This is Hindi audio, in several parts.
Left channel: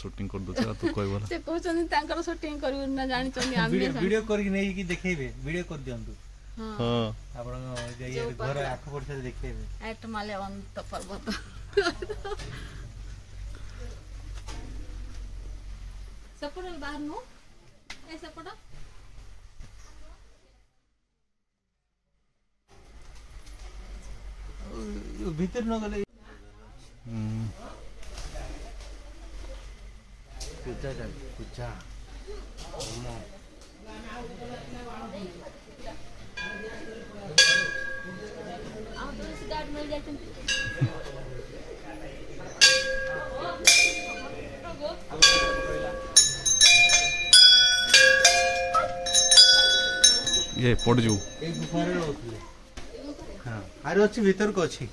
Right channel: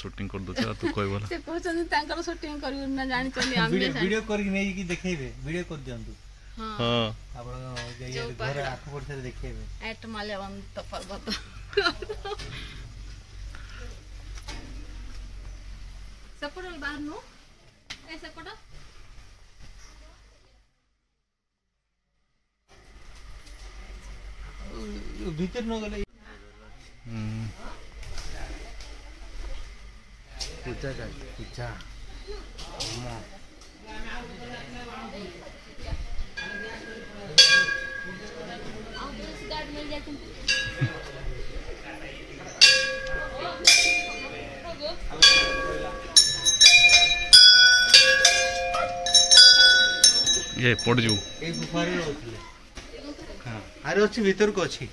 शूटिंग कर दोछ तू कहबो से कहछन तांकर शूटिंग करू ना जानि चनी आमे वीडियो करके नै कि देखेबे वीडियो कर दियंतु हां आपण जे घर आठ वर्ष देखेबे एट माल्यवंत पर्वत सपोर्ट बाहर नो ऐसे पड़ा भीतर न गले पूजा जाय पूजा आओ तो इस गार्ड मिल जाए ये पड़ जू ए गुफारे होतले हां अरे अछि भीतर को अछि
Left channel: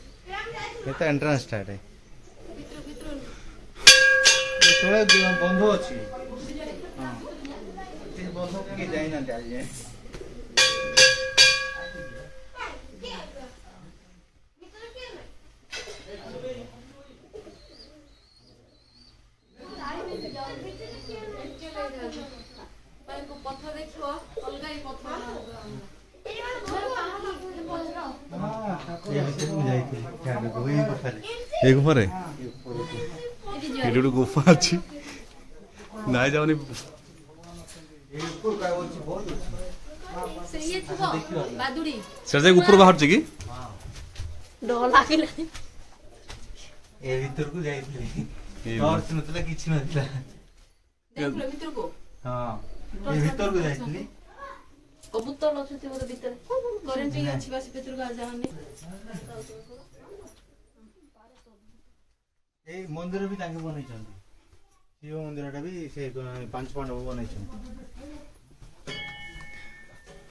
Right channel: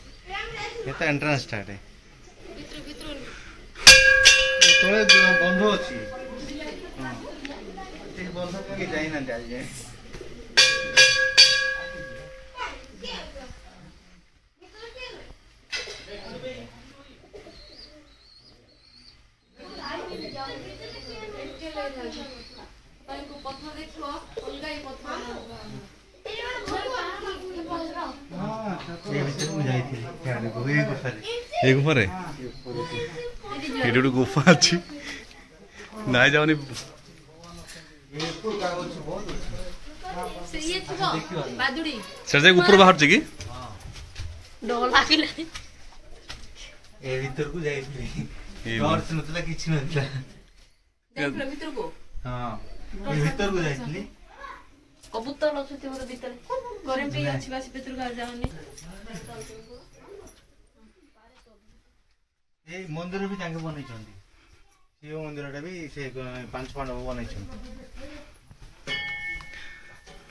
एता एंट्रेंस स्टार्ट है भीतर तोळे बंध अछि हां ए बंध के जाई ना जाई जाए ये गुफा रे ये गुफा अच्छी ना जाओ नहीं सर जाए ऊपर बाहर जी डर लागिले ए भीतर को जाई टॉर्च नतला किछि नतला देखलो भीतर को हां ए भीतर को जाईतली कबूतर लछती बोले भीतर करेंट अछि बासी भीतर का जानी ए मंदिर भी तांके बनै छथि शिव मंदिरटा भी से पांच पांडव बनै छथि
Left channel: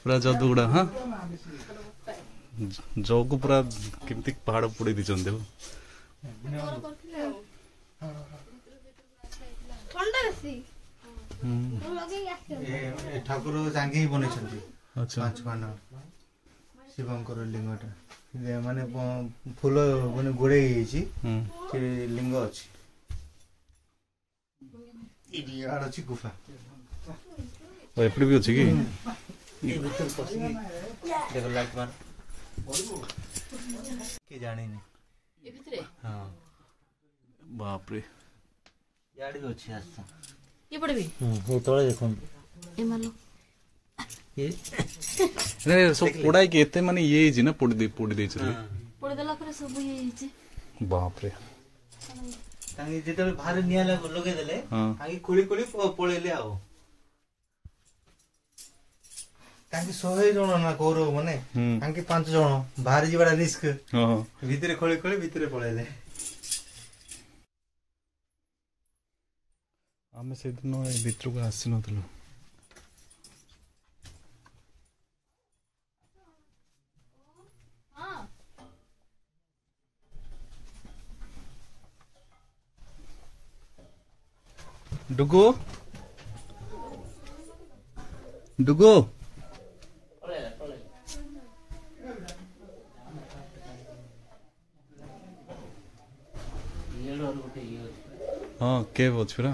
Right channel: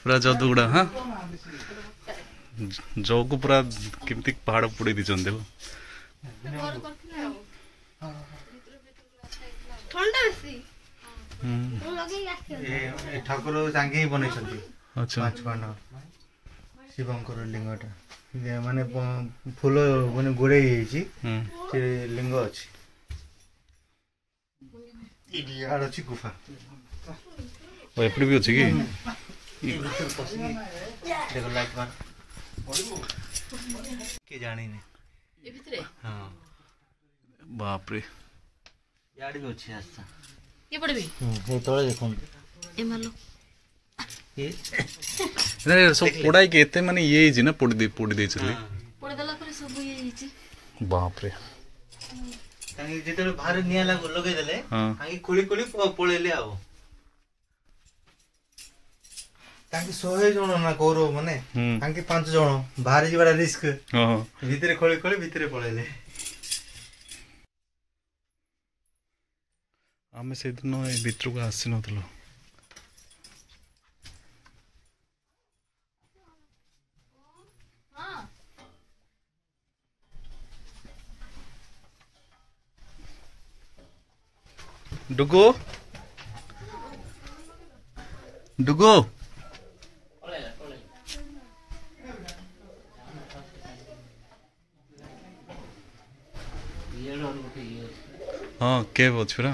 पूरा जदुगुड़ा हां जो को पूरा केमती पहाड़ पुड़ी दी चंदे हो ठंडा सी ए ठाकुर तांके ही बनै छथि अच्छा पांच पांडव शिवंकर लिंगटा माने फूल माने गोड़े छी से लिंग अछि इडियार अछि गुफा ओ एपड़ी भी अछि की देखो लाइट मार के जाने ने ए भीतर हां बाप रे याड भी अछि आस्ता के पड़बी हे तोळे देखो ए मालो रे सब पोड़ाई के एते माने ये जी ना पोड़ी दे चली पोड़ी देला पर सब ये हिची बाप रे तांगे जेते बाहर निया लगे देले आगे खोली खोली पळेले आव तांगे 100 जण ना कौरव माने तांगे 5 जण बाहर जीवाडा रिस्क हां भीतर खोली खोली भीतर पळेले आमे से दिन ए भीतर को आसी नथलो डुगो डुगो हाँ केव अच्छी ना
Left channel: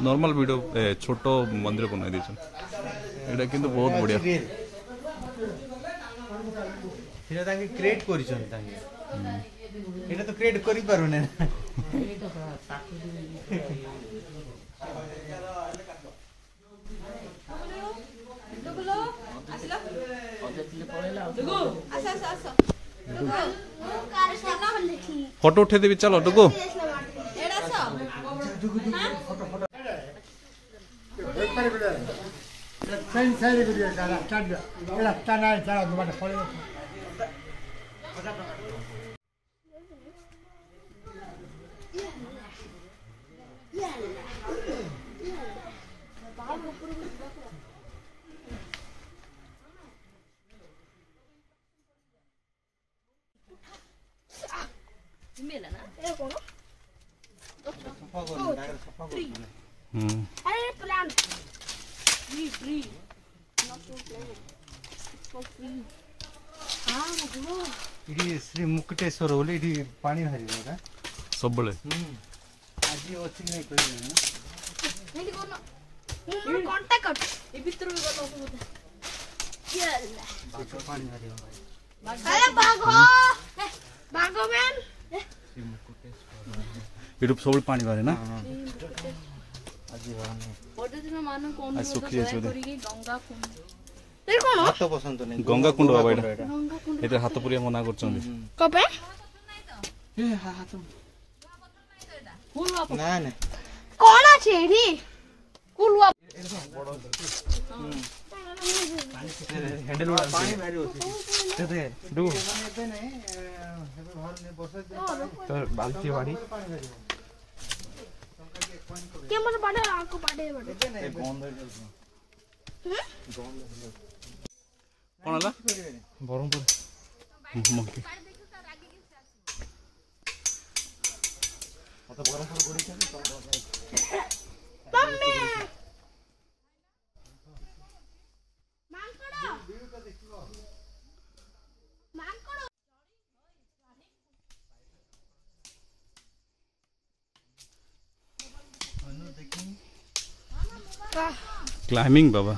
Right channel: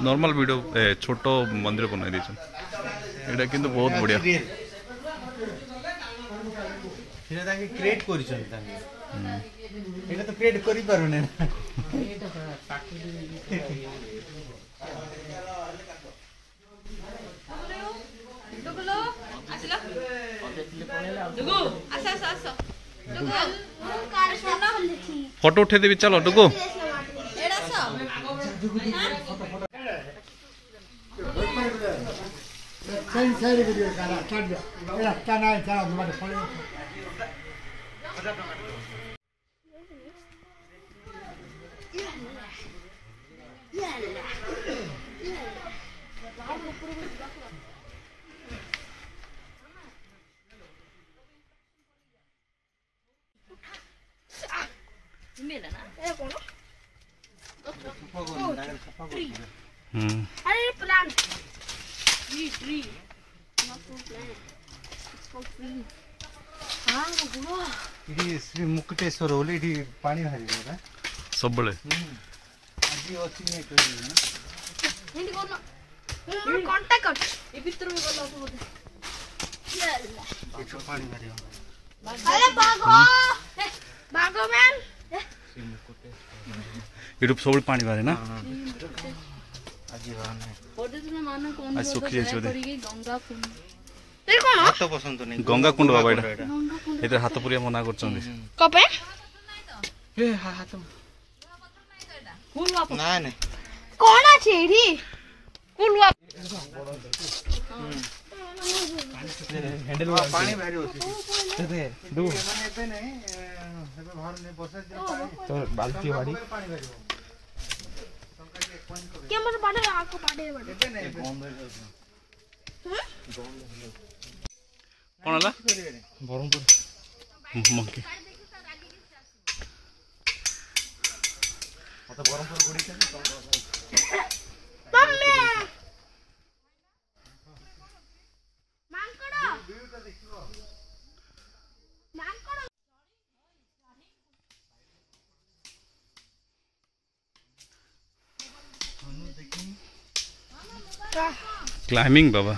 नॉर्मल वीडियो छोट मंदिर बनाई दी एटा किंतु बहुत बढ़िया हिना तांगे क्रिएट करिसन तांगे एटा तो क्रिएट करि पारुने डुगलो आसला डुगो आसा आसा आसा डुगो फोटो उठे देबी चलो डुगो एडा सा Sen seri gidiyor sana, çarpıyor. Biraz tane sana duvarda koyuyor. Aरे plant tree not to plant ଏଠି ଶ୍ରୀ ମୁକୁଟେଶ୍ୱର ବୋଲି ଏଠି ପାଣି ବାହାରିବ ନା ସବୁବେଳେ ଆଜି ଅଛି ନାଇଁ କହିଲି ନା ଏମିତି କରୁନ ମୁଁ କଣ୍ଟାକ୍ଟ କର ଏ ଭିତରକୁ ଗଲ ବୋଧେ ଏଠୁ ପାଣି ବାହାରିବ ଆରେ ବାଘ ବାଘ ମ୍ୟାନ ଏଠୁ ସବୁବେଳେ ପାଣି ବାହାରେ ନା ଆଜି ବାହାନେ ପର୍ଯ୍ୟଟନ ମାନଙ୍କୁ ଆଜି ଶୁଖି ଯାଇଛି ବୋଧେ କରିକି ଗଙ୍ଗା କୁଣ୍ଡ ଏଇ କଣ ହାତ ପସନ୍ଦ ନାହିଁ ଗଙ୍ଗା କୁଣ୍ଡ ବାବା ଏଇଟା ଏଥିରେ ହାତ ପୁରିଆ ମନା କରୁଛନ୍ତି କପେ ନାଇଁ ନାଇଁ କଣ ଅଛି ଏଇଠି କୁଲୁଆ ପାଣି ବାହାରିବ ଏବେ ନାଇଁ ଏବେ ବାହାରୁନି ବର୍ଷା ଦିନ ବାଲ୍ଟି ବାଡ଼ି ପାଣି ବାହାରିବ କେମନ ବାଡେ ଆକୁ ବାଡେ ଏବେ ନାଇଁ କଣ ହେଲା ବ୍ରହ୍ମପୁର ମଙ୍କି ବ୍ରହ୍ମପୁର ଗୁଡିକ क्लाइंबिंग बाबा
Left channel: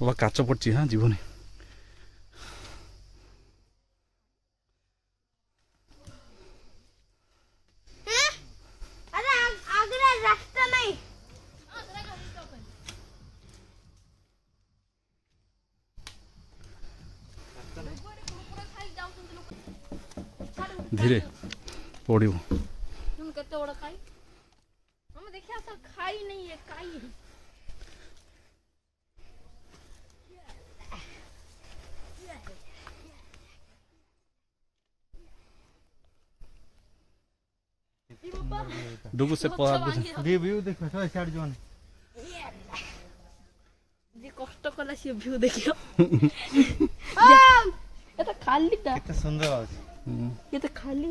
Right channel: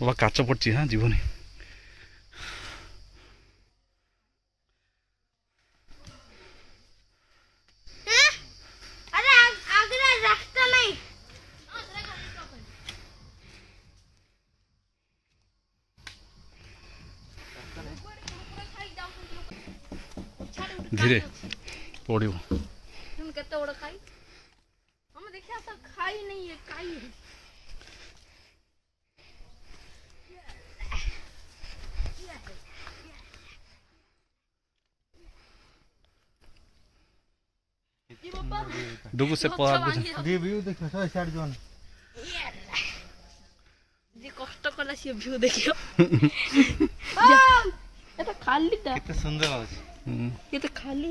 बाबा काच पड़ी हाँ जीवनी अरे आगरा रास्ता नहीं धीरे पड़ो तुम केते बड़ खाई हम देखिया तो खाई नहीं है खाई है डुगु से पा दी व्यू देखो 160 जन जे कष्ट कला से व्यू देखियो ये तो खाली था कितना सुंदर है ये तो खाली